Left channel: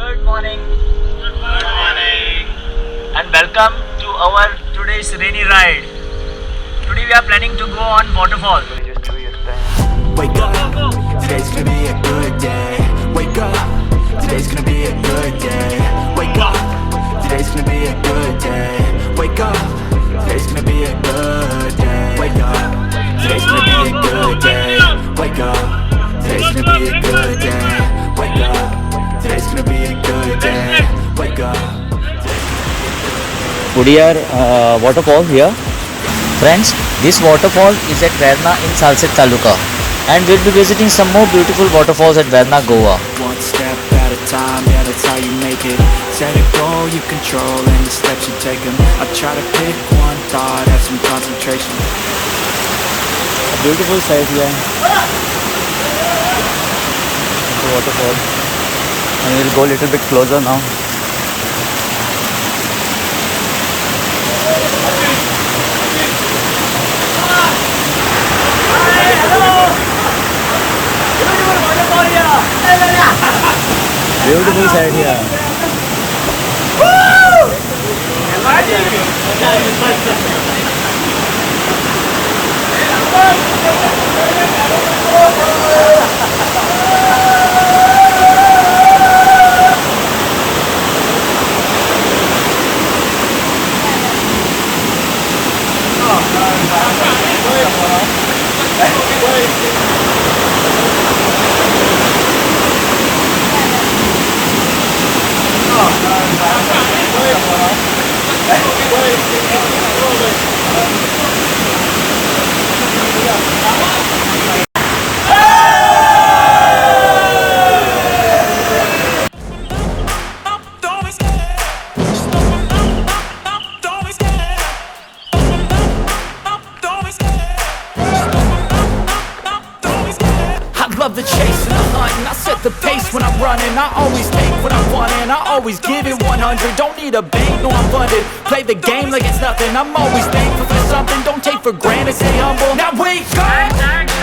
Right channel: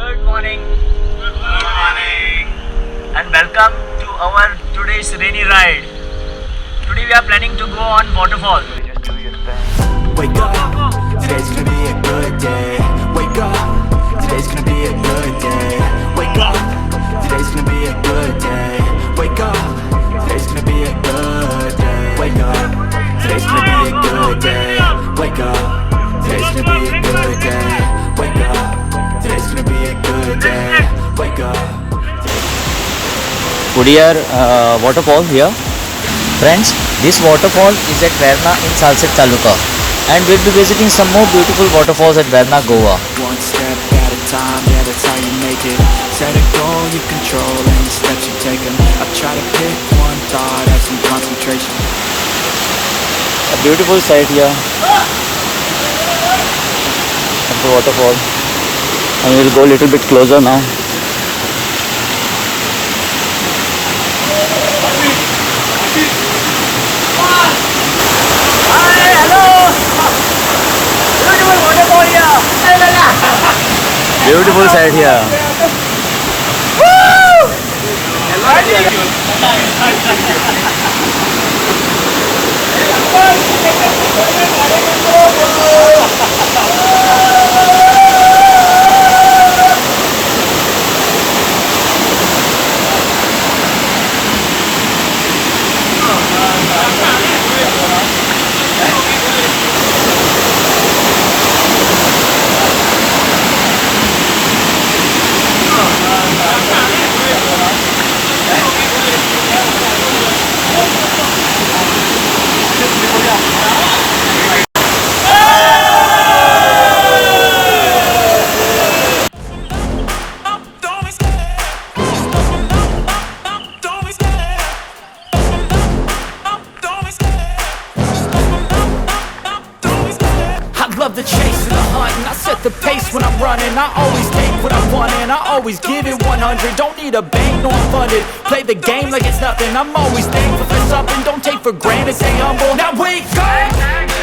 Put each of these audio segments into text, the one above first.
Good morning. Good morning. And welcome to our today's rainy ride. Today we are planning to go on waterfall. Wake up, today's gonna be a good day. Wake up, today's gonna be a good day. Wake up, today's gonna be a good day. Wake up, today's gonna be a good day. Wake up, today's gonna be a good day. Wake up, today's gonna be a good day. Wake up, today's gonna be a good day. Wake up. We are waterfall here. Friends, this waterfall is at Verna in Salset Taluka. And we'll be visiting some more beautiful waterfalls at Verna, Goa. One step at a time, yeah, that's how you make it. Set a goal you control and the steps you take them. I try to pick one thought, have some concentration. A beautiful sight here. At the waterfall. And we'll go a little bit closer now. Beautiful sight here. Love the chase and the hunt, and I set the pace when I'm running. I always take what I want and I always give it 100. Don't need a bank, no, I'm funded. Play the game like it's nothing. I'm always thankful for something. Don't take for granted, stay humble. Now wake up,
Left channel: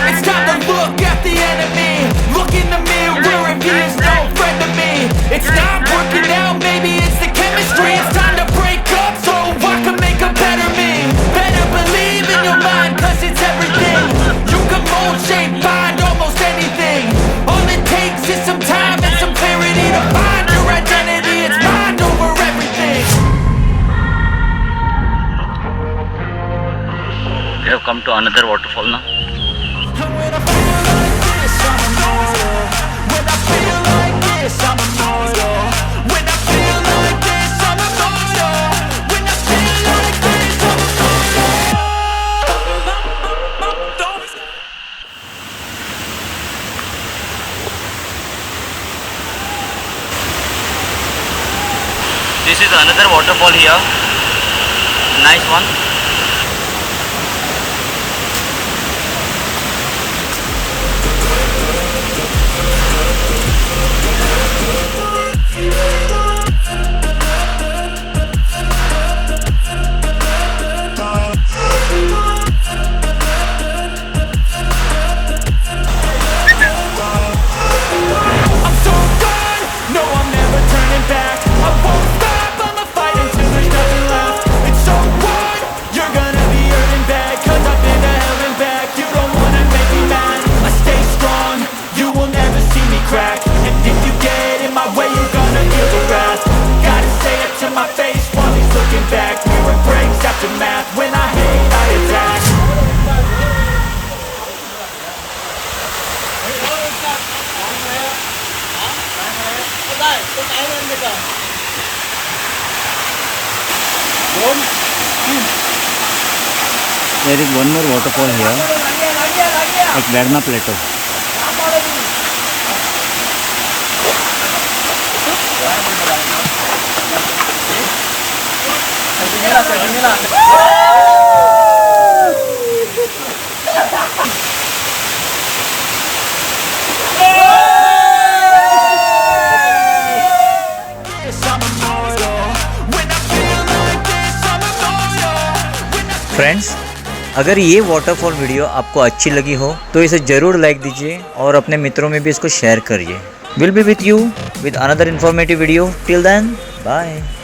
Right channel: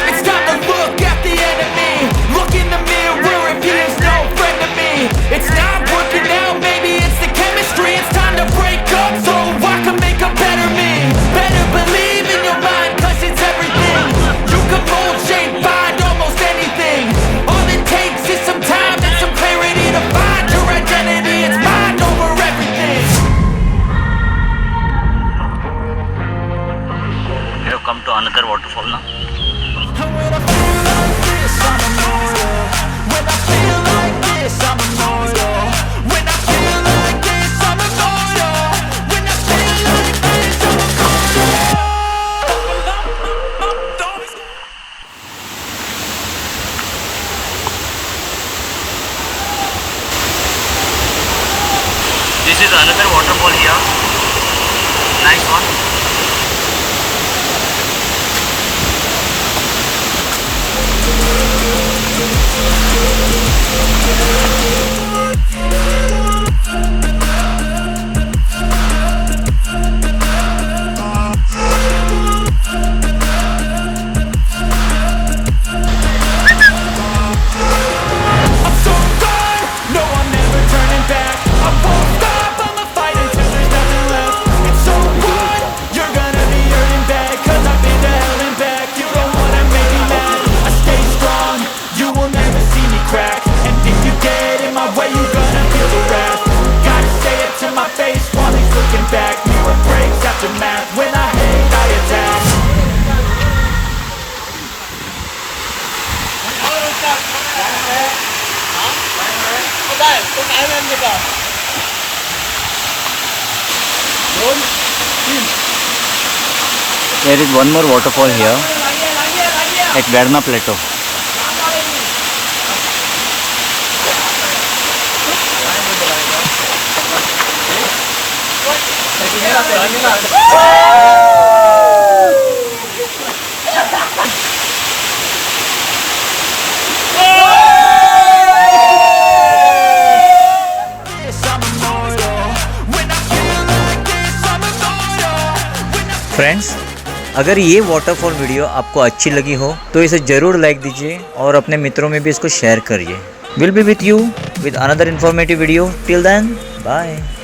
it's time to look at the enemy. Look in the mirror if he is no friend to me. It's not working out, maybe it's the chemistry. It's time to break up so I can make a better me. Better believe in your mind, cause it's everything. You can mold, shape, find almost anything. All it takes is some time and some clarity to find your identity. It's mind over everything. We have come to another waterfall now. And when I feel like this, I'm immortal. When I feel like this, I'm immortal. When I feel like this, I'm immortal. When I feel like this, I'm immortal. This is another waterfall here. Nice one. I'm so gone, no, I'm never turning back. I won't stop, I'ma fight until there's nothing left. It's so what? You're gonna be hurting bad, cause I've been to hell and back. You don't wanna make me mad, I stay strong. You will never see me crack. And if you get in my way, you're gonna feel the wrath. Gotta say it to my face while he's looking back. Mirror breaks after math, when I hate, I attack. There is one more waterfall here at Verna Plateau. Friends, अगर ये waterfall video आपको अच्छी लगी हो तो इसे ज़रूर like दीजिए और अपने मित्रों में भी इसको शेयर करिए। We'll be with you with another informative video. Till then, bye.